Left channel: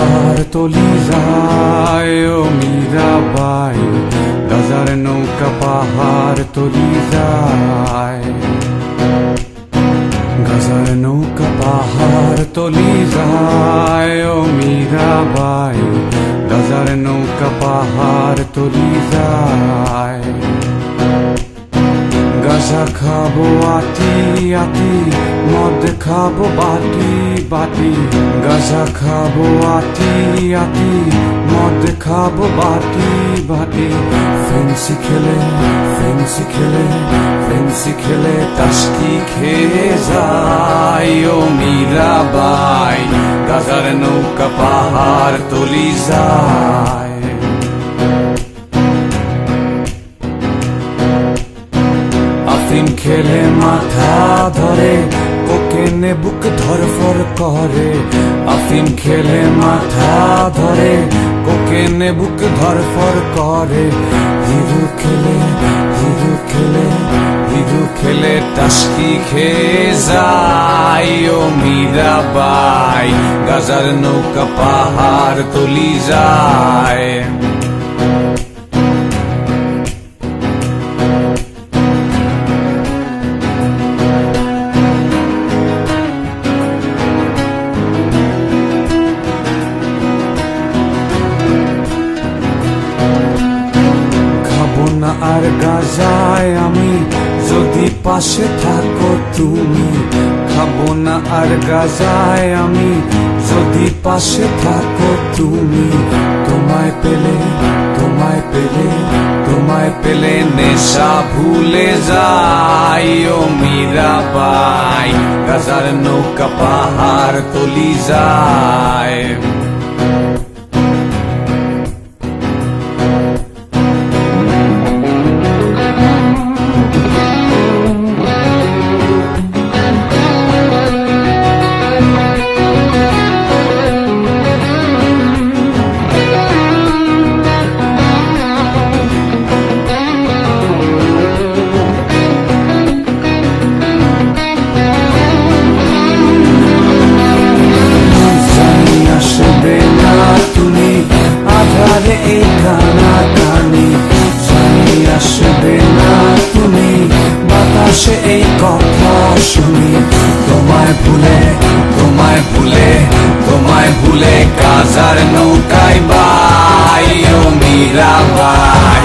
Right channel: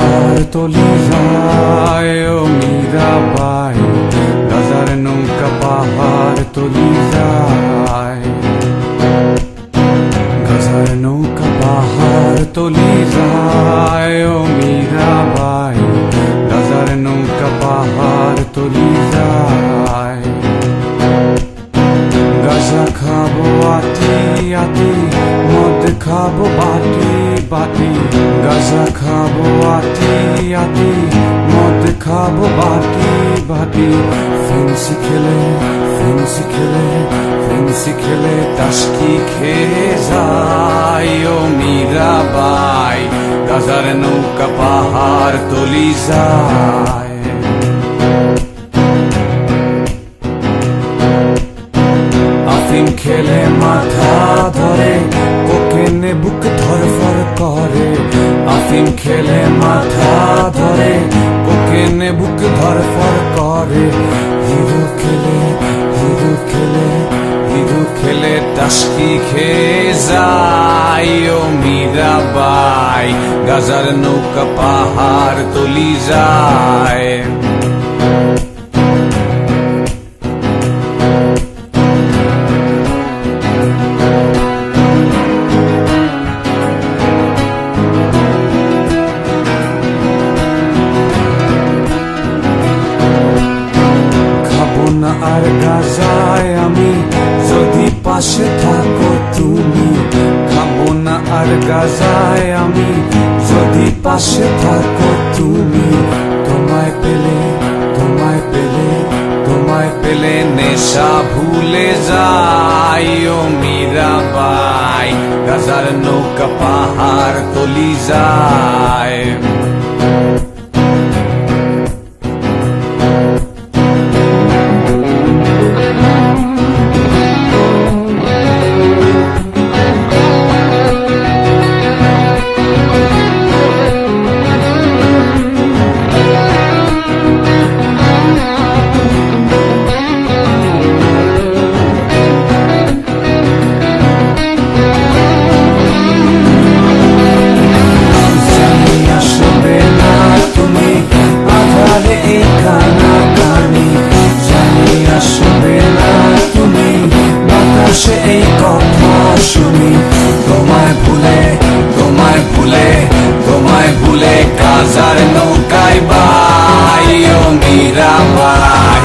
পাহাড় তলি যায় ও মীরাবাই, গাজার নৌকা পাহাড় তলি যায়। গাজার নৌকা পাহাড় তলি যায় ও মীরাবাই, গাজার নৌকা পাহাড় তলি যায়। গাজা খাবো আটি আটি, মদ খাবো বাটি বাটি। গাজা খাবো আটি আটি, মদ খাবো বাটি বাটি। ফেন্সি খেলে ফেন্সি খেলে ফেন্সি খেলে টাস্কি খেয়ে যায় ও মীরাবাই, গাজার নৌকা পাহাড় তলি যায়। আফিম খেলে মাথা ধরে, কোকেনে বুক ধরফর করে। আফিম খেলে মাথা ধরে, কোকেনে বুক ধরফর করে। হিরো খেলে হিরো খেলে হিরো খেলে টাস্কি খেয়ে যায় ও মীরাবাই, গাজার নৌকা পাহাড় তলি যায়। খাবো না আর গাজায় আমি, যদি পাশে থাকো তুমি। খাবো না আর গাজায় আমি, যদি পাশে থাকো তুমি। তোমায় পেলে তোমায় পেলে তোমায় পেলে নেশা ভুলে যাই ও মীরাবাই, গাজার নৌকা পাহাড় তলি যায়। আধারে এই কানাকানি, জানি আসবে না তুমি, বাতাসে এই কথা শুনি। তোমায় ভুলে তোমায় ভুলে তোমায় ভুলে গাজার নৌকায় বাই ও মীরাবাই,